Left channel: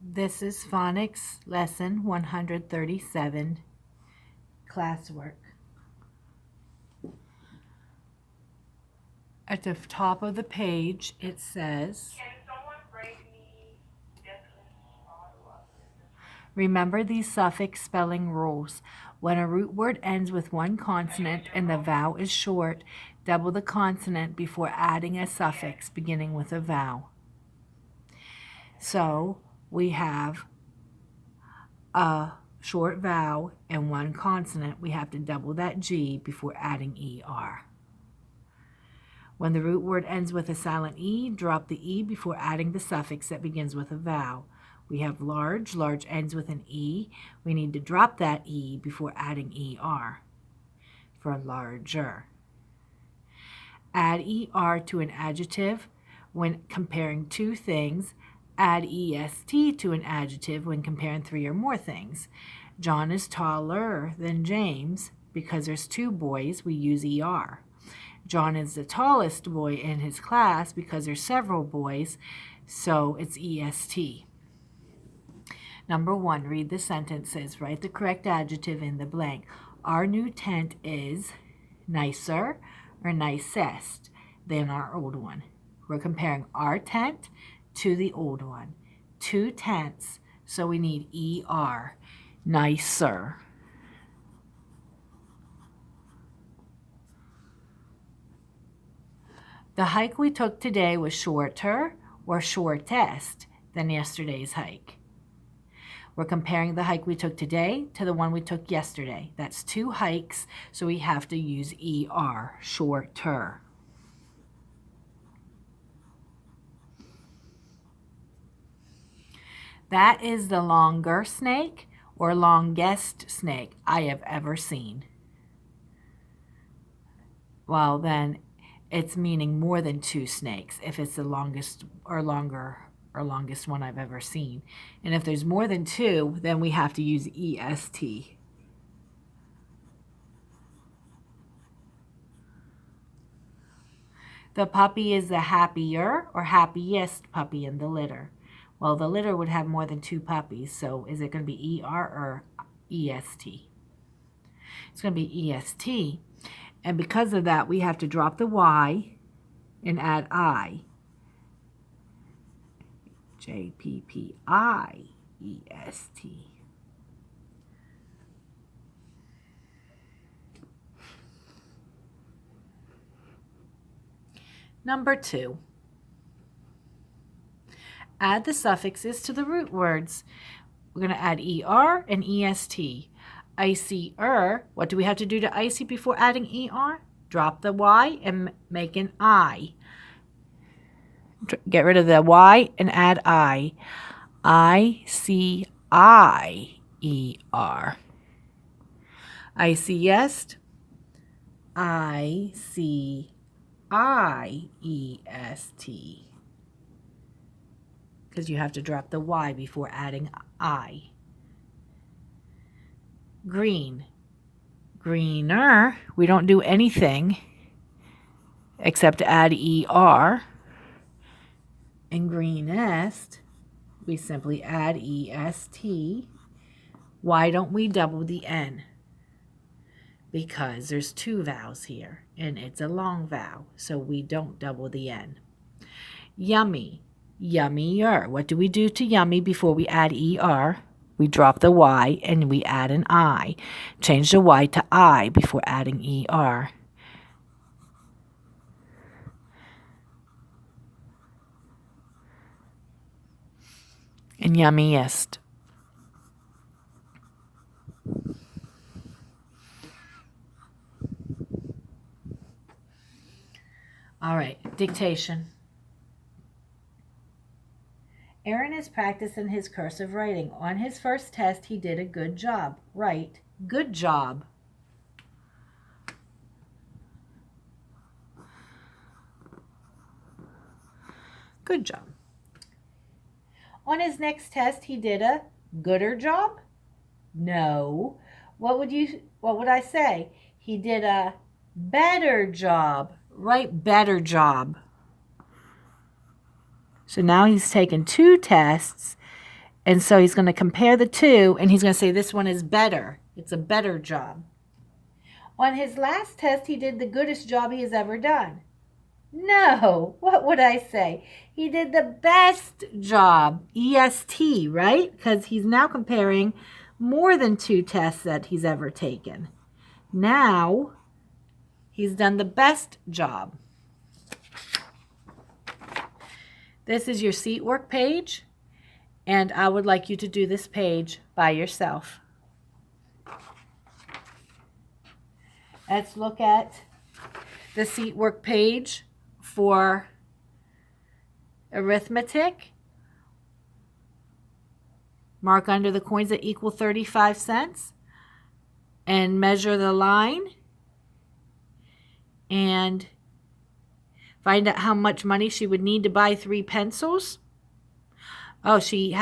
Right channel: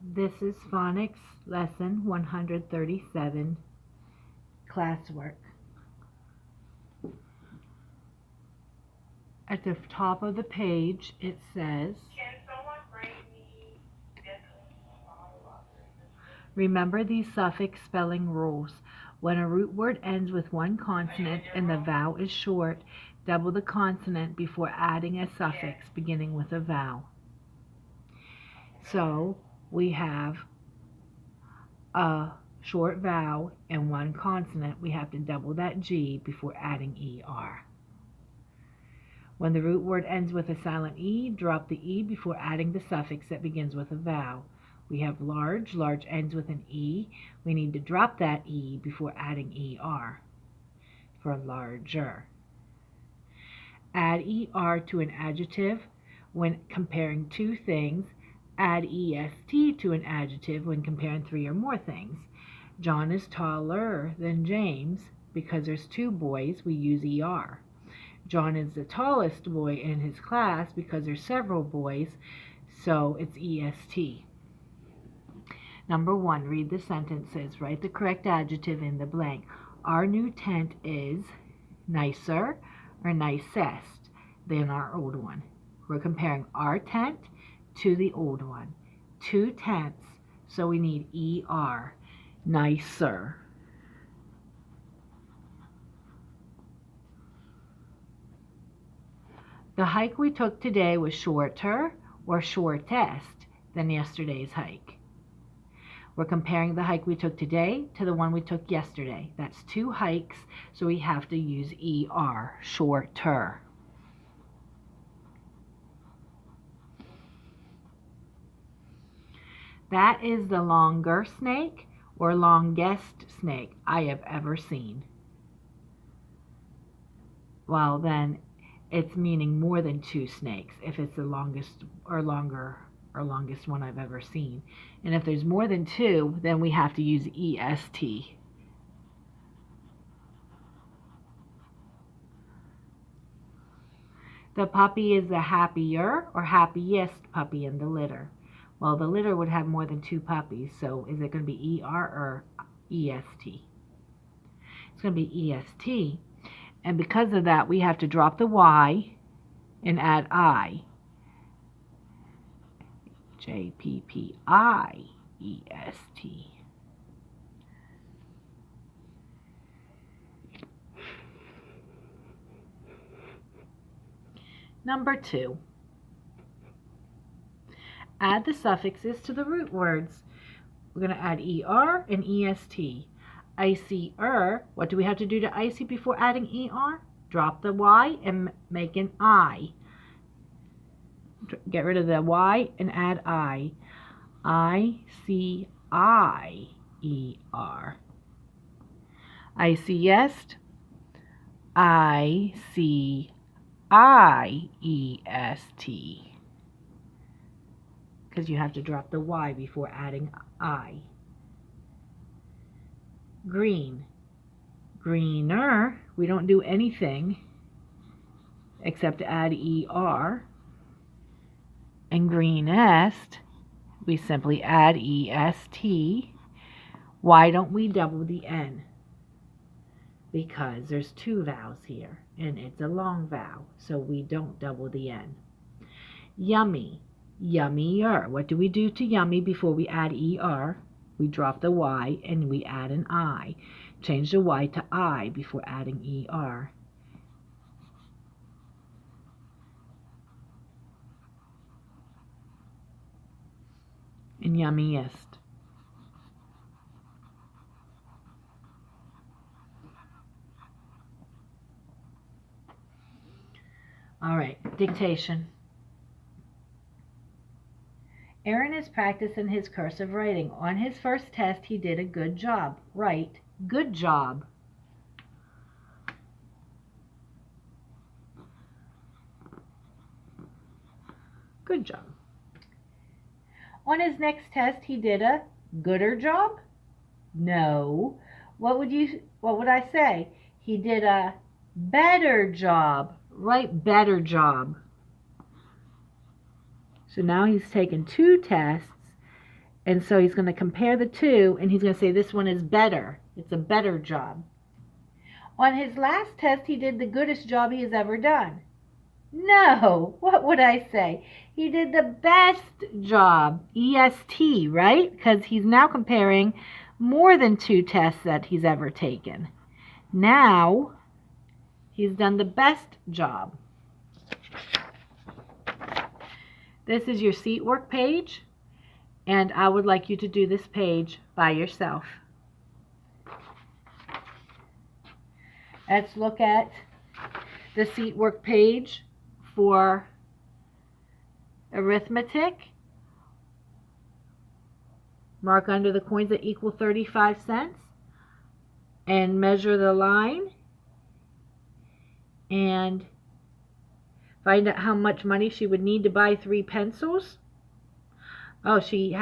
This is Phonics Lesson 137, Classwork. At the top of the page, it says, remember these suffix spelling rules. When a root word ends with one consonant and the vowel is short, double the consonant before adding a suffix beginning with a vowel. So we have a short vowel and one consonant. We have to double that G before adding ER. When the root word ends with a silent E, drop the E before adding the suffix that begins with a vowel. We have large. Large ends with an E. We need to drop that E before adding ER for larger. Add ER to an adjective when comparing two things. Add EST to an adjective when comparing three or more things. John is taller than James. Because there's two boys, we use ER. John is the tallest boy in his class. Because there's several boys, so it's EST. Number 1, read the sentences. Write the correct adjective in the blank. Our new tent is nicer or nicest than our old one. We're comparing our tent to the old one. 2 tents, so we need ER. Nicer. The hike we took today was shorter or shortest than yesterday's hike. We're comparing the hike we took today to the one we took yesterday. That's 2 hikes, so we have to use ER, shorter. That is the longer snake or longest snake I have ever seen. Well, then it's meaning more than 2 snakes if it's the longest or longest one I've ever seen. And if there's more than 2, then we have to use EST. The puppy is the happier or happiest puppy in the litter. Well, the litter would have more than 2 puppies, so is it going to be ER or EST? It's going to be EST. And because of that, we have to drop the Y and add I. JPPIEST. Number 2. Add the suffixes to the root words. We're going to add ER and EST. Icy-er. What do we have to do to icy before adding ER? Drop the Y and make an I. Get rid of the Y and add I. I-C-I-E-R. Iciest. I-C-I-E-S-T. Because you have to drop the Y before adding I. Green. Greener. We don't do anything except add ER. And greenest, we simply add EST. Why don't we double the N? Because there's 2 vowels here, and it's a long vowel, so we don't double the N. Yummy. Yummier. What do we do to yummy before we add ER? We drop the Y and we add an I. Change the Y to I before adding ER. And yummiest. All right, dictation. Aaron is practicing his cursive writing. On his first test, he did a good job. Write, good job. Good job. On his next test, he did a gooder job? No. What would I say? He did a better job. Write better job. So now he's taken 2 tests And so he's going to compare the two, and he's going to say this one is better. It's a better job. On his last test, he did the goodest job he has ever done. No, what would I say? He did the best job, EST, right? Because he's now comparing more than 2 tests that he's ever taken. Now, he's done the best job. This is your seat work page, and I would like you to do this page by yourself. Let's look at the seat work page for arithmetic. Mark under the coins that equal 35 cents and measure the line and find out how much money she would need to buy 3 pencils. Oh, she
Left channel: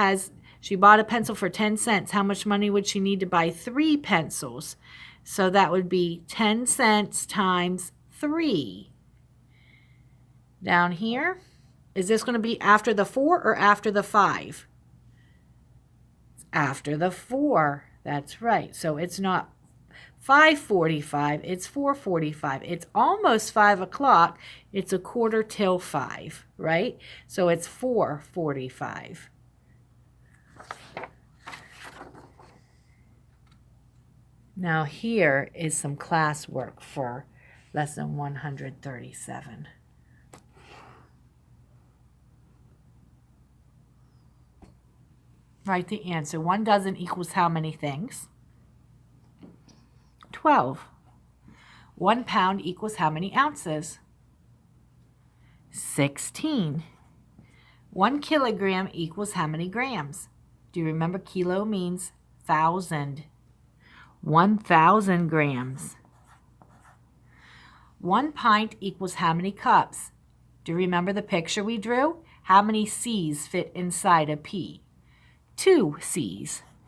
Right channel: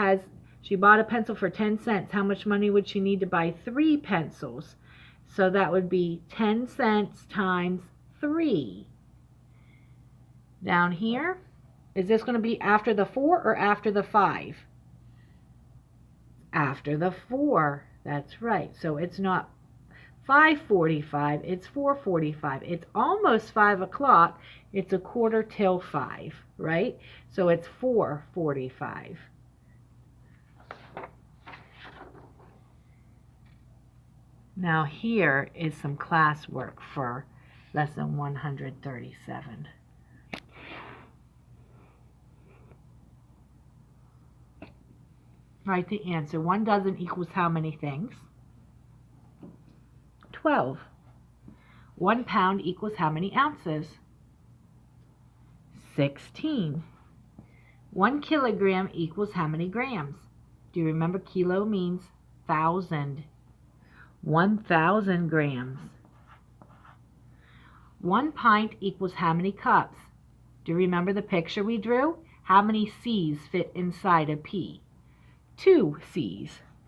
bought a pencil for 10 cents. How much money would she need to buy 3 pencils? So that would be 10 cents times 3. Down here, is this going to be after the 4 or after the 5? After the 4. That's right. So it's not 5:45, it's 4:45. It's almost 5 o'clock. It's a quarter till 5, right? So it's 4:45. Now here is some classwork for lesson 137. Write the answer. 1 dozen equals how many things? 12. 1 pound equals how many ounces? 16. 1 kilogram equals how many grams? Do you remember kilo means 1,000? 1,000 grams. 1 pint equals how many cups? Do you remember the picture we drew? How many C's fit inside a P? 2 C's.